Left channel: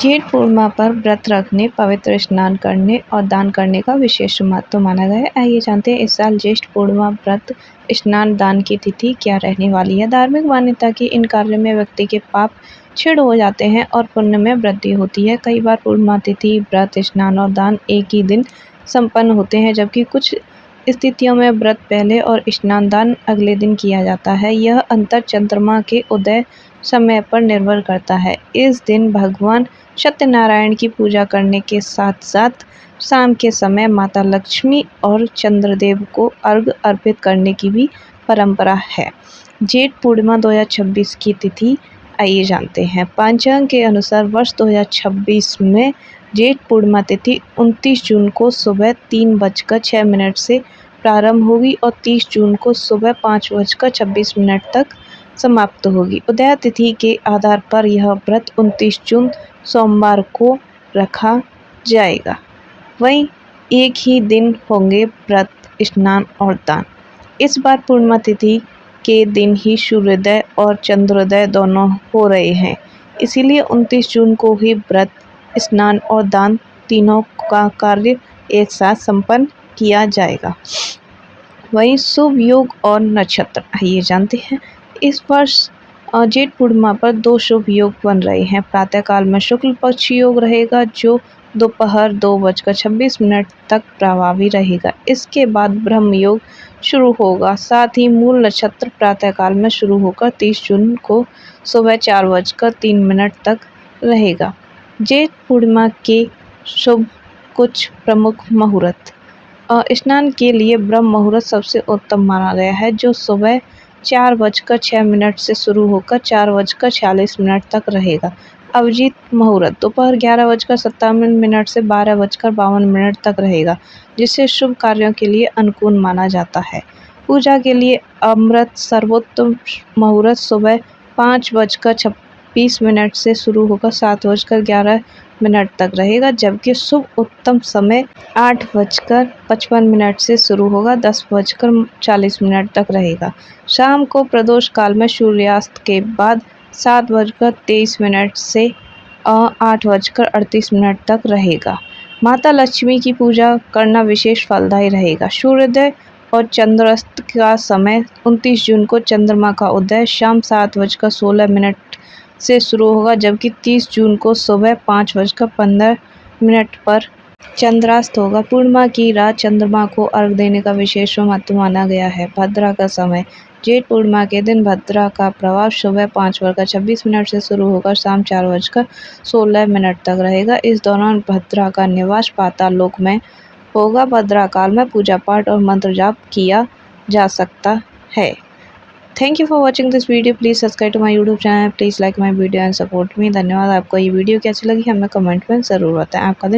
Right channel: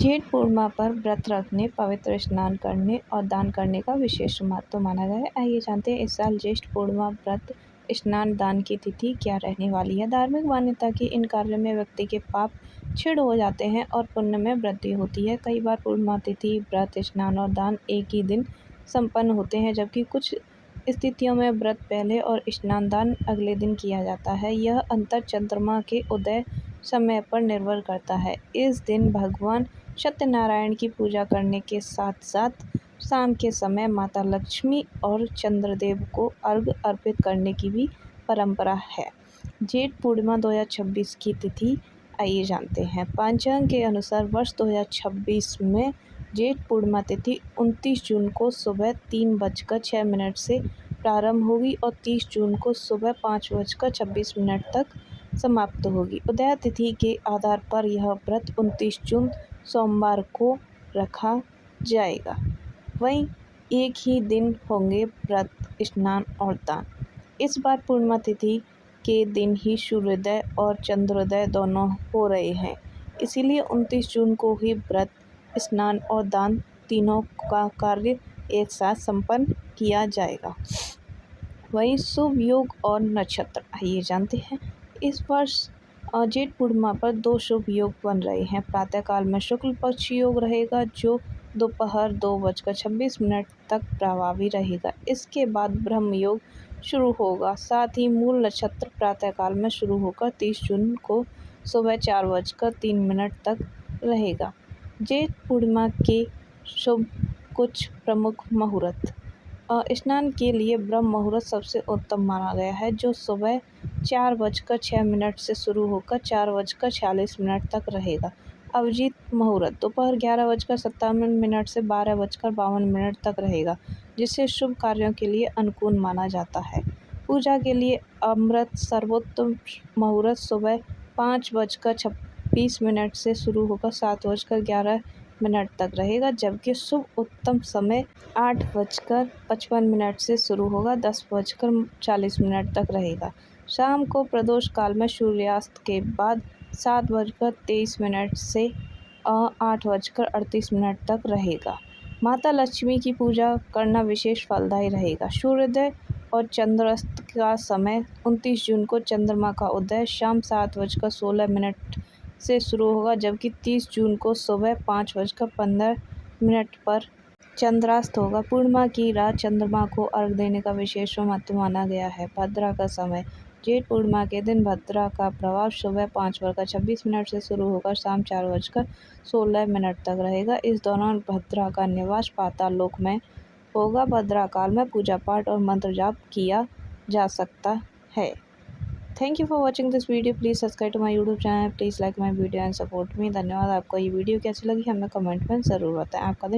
जेठ पूर्णिमा पर व्रत रखने, पवित्र स्नान करने और दान करने का विशेष महत्व माना गया है। आइए जानते हैं इस साल ज्येष्ठ पूर्णिमा, व्रत, स्नान, दान की तिथि क्या रहने वाली है। धार्मिक मान्यता की इन कार्यों में व्यक्ति के पाप क्षीण हो जाते हैं और पुण्य में वृद्धि होती है। कई बार पूर्णिमा तिथि, व्रत, स्नान और दान एक ही दिन संपन्न होते हैं, जबकि कुछ स्थितियों में व्रत पहले और स्नान दान अगले दिन किया जाता है। यह अंतर चंद्रमा के उदय समय पर निर्भर करता है। इस दिन भगवान सत्यनारायण की पूजा करने के साथ साथ शाम के समय माता लक्ष्मी और चंद्रदेव को अर्घ्य अर्पित करने की भी परंपरा है। जेठ पूर्णिमा 2026 की तिथि आइए जानते हैं। पंचांग के अनुसार वर्ष 2026 में जेठ पूर्णिमा तिथि 29 जून को सुबह 3:06 से प्रारंभ होगी और 30 जून को सुबह 5:26 तक समाप्त होगी। उदय तिथि के आधार पर यह व्रत 29 जून सोमवार को रखा जाएगा। वहीं एक ही दिन होंगे व्रत, स्नान और दान। इस बार पूर्णिमा तिथि के दिन ही सूर्योदय और चंद्रोदय दोनों हो रहे हैं, इसीलिए 29 जून को ही व्रत, स्नान और दान तीनों का कार्य एक साथ संपन्न किया जाएगा। वहीं शुभ योग और नक्षत्र आइए जानते हैं। इस वर्ष जेठ पूर्णिमा पर 2 शुभ योग बन रहे हैं। प्रातःकाल में शुक्ल पक्ष योग रहेगा, जो दोपहर 2:26 तक प्रभावी रहेगा। इसके बाद ब्रह्म योग शुरू होगा। साथ ही मूल नक्षत्र प्रातःकाल में शुरू होकर 30 जून को सुबह 4:03 तक रहेगा। जेठ पूर्णिमा के शुभ कुछ प्रमुख मुहूर्त। स्नान के लिए ब्रह्म मुहूर्त सबसे उत्तम माना गया है, जो सुबह 4:06 से शुरू होकर 4:46 तक रहेगा। अभिजीत मुहूर्त दोपहर 11:57 से 12:52 तक रहेगा, जिसे शुभ कार्यों के लिए अनुकूल माना जाता है। पूजा के लिए अमृत सर्वोत्तम मुहूर्त सुबह 5:26 से शुरू होकर 7:11 तक रहेगा, जबकि शुभ उत्तम समय 8:55 से शुरू होगा 10:40 तक रहेगा। शाम को प्रदोष काल में सूर्यास्त के बाद 7:23 से 8:38 तक रहेगा। माता लक्ष्मी की पूजा करना विशेष फलदायी रहेगा। सूर्योदय और चंद्रास्त का समय 29 जून को चंद्रमा का उदय शाम 7:16 से शुरू होगा, जबकि 30 जून को सुबह 5:15 पर चंद्रास्त होगा। पूर्णिमा की रात चंद्रमा को अर्घ देने का विशेष महत्व माना गया है। भद्रा का समय। जेठ पूर्णिमा के दिन भद्रा का प्रभाव सुबह 5:26 से शुरू होकर शाम 4:16 तक रहेगा। इस दौरान भद्रा का निवास पाताल लोक में होगा। भद्रा काल में पूजा पाठ और मंत्र जाप किया जा सकता है। Thank you for watching this video. Please subscribe to my YouTube channel. Please like my video and support me. धन्यवाद। आपको ये वीडियो कैसी लगी हमें कमेंट में ज़रूर बताएं। आपका दिन